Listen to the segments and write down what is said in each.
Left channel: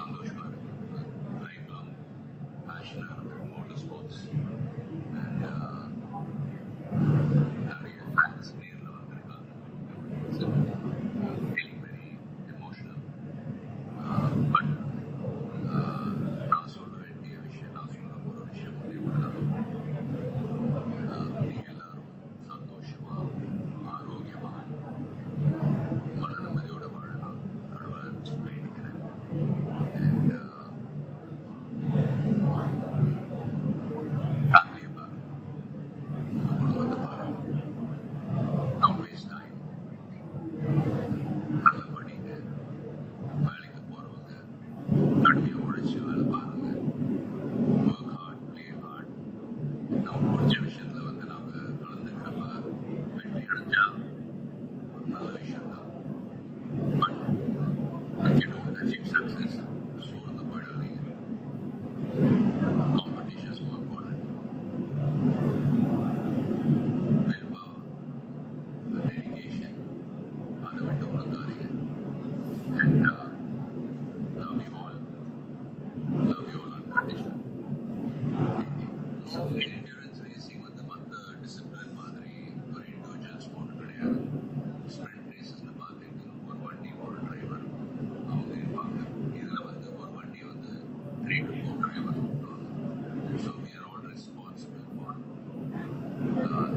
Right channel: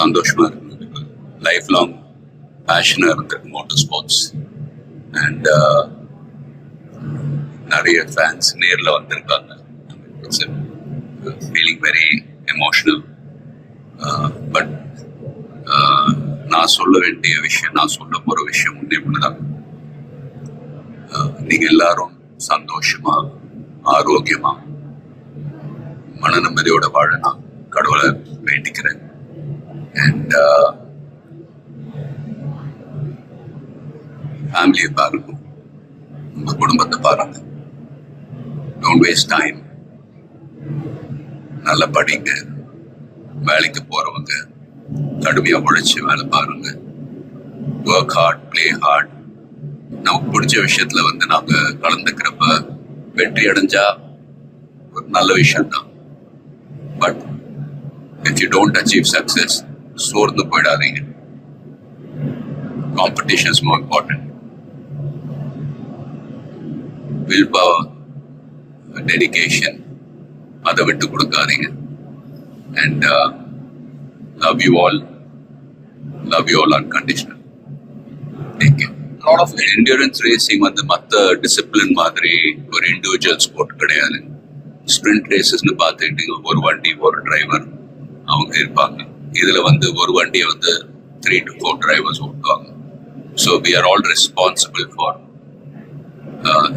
சந்தோஷமா இருக்கு. Life long பேஷனா இருக்கு மோட்டார் ஸ்போர்ட்ஸ். அண்ட் நிறைய ஃபேன்ஸ் நேரில் வந்திருக்காங்க. It's feeling very emotional. But நான் சொல்ல வேண்டிய விஷயம், நான் சொல்ல போகிற விஷயம் இப்படிதான். நீங்கள் எல்லாரும் சந்தோஷமா, ஆரோக்கியமா, மன நிம்மதியோட வாழ நான் கடவுளை வேண்டிக்கிறேன். அண்ட் ஃபேமிலியை பாருங்க, உங்க குடும்பத்தை பாருங்க. Don't waste time. நல்லா படிங்க. வேலைக்கு போறவங்க கடுமையா உழைச்சி வேலை பாருங்க. Work hard, play hard. நமக்கு பிடிச்ச விஷயத்துல நாங்க கலந்துக்கிறப்ப வெற்றி அடைஞ்சா ஒரு நல்ல விஷயம் தான். But if you don't achieve success, சோர்ந்து போயிடாதீங்க. Competition is more important. Willpower, dedication, அதை விட்டு கொடுக்காதீங்க. And love you all unconditional. Take care. lot of endurance racing மற்ற டிசிப்ளின் மாதிரி ஒரு இண்டிவிஜுவல் ஸ்போர்ட் கிடையாது. ஸ்ப்ரிண்ட் ரேசஸ்னு பார்த்துக்கிட்டீங்க, ஒரு வண்டி ஒரு டிரைவர் அவங்க இருப்பாங்க. இதுல ஒரு வண்டியை 3 to 4 டிரைவர்ஸ் ஓட்டுவாங்க. So we are all responsible for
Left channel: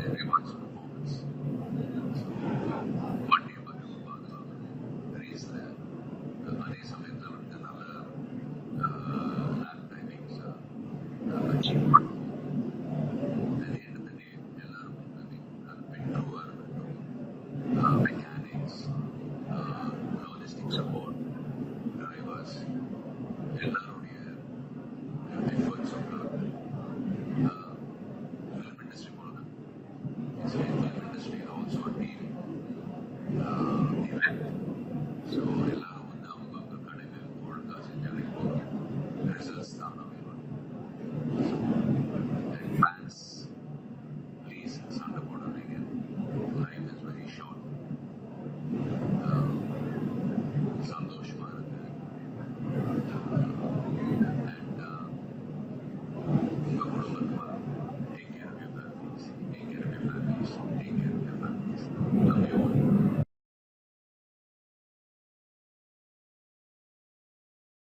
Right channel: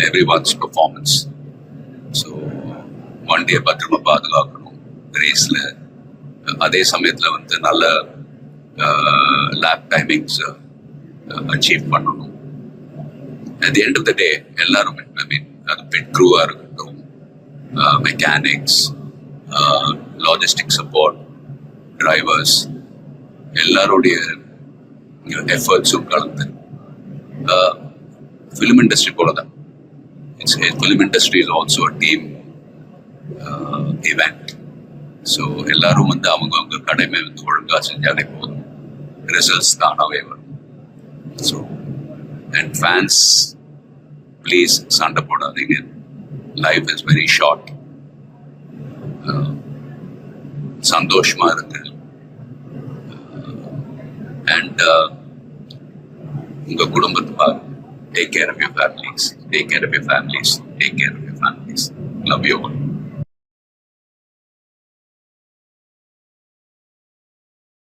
everyone's performance. So வண்டியை பத்திரமா பாதுகாக்கணும் ரேஸ்ல. அதே சமயத்துல நல்ல லேப் டைமிங்ஸ் அச்சீவ் பண்ணணும். At the end of the day, எல்லாரும் அது பிட் க்ரூவா இருக்கட்டும், மெக்கானிக்ஸ், லாஜிஸ்டிக் சப்போர்ட், டிரைவர்ஸ், எல்லாருடைய எஃபர்ட்ஸும் கலந்து ஃபிலிம் இண்டஸ்ட்ரி போல தான். Film industry is also a team event. So எல்லாரும் அவங்க கடமை ஒழுங்கா செஞ்சாலே போதும், ரிசல்ட்ஸ் தானாவே வரும். ஸோ and fans, please சண்டை போடாதீங்க. Life is very short. சந்தோஷமா இருக்கு. அண்ட் உங்க குடும்பத்தை பாருங்க. Take care of your families. Take care of your families. Take care of your families. Love you all.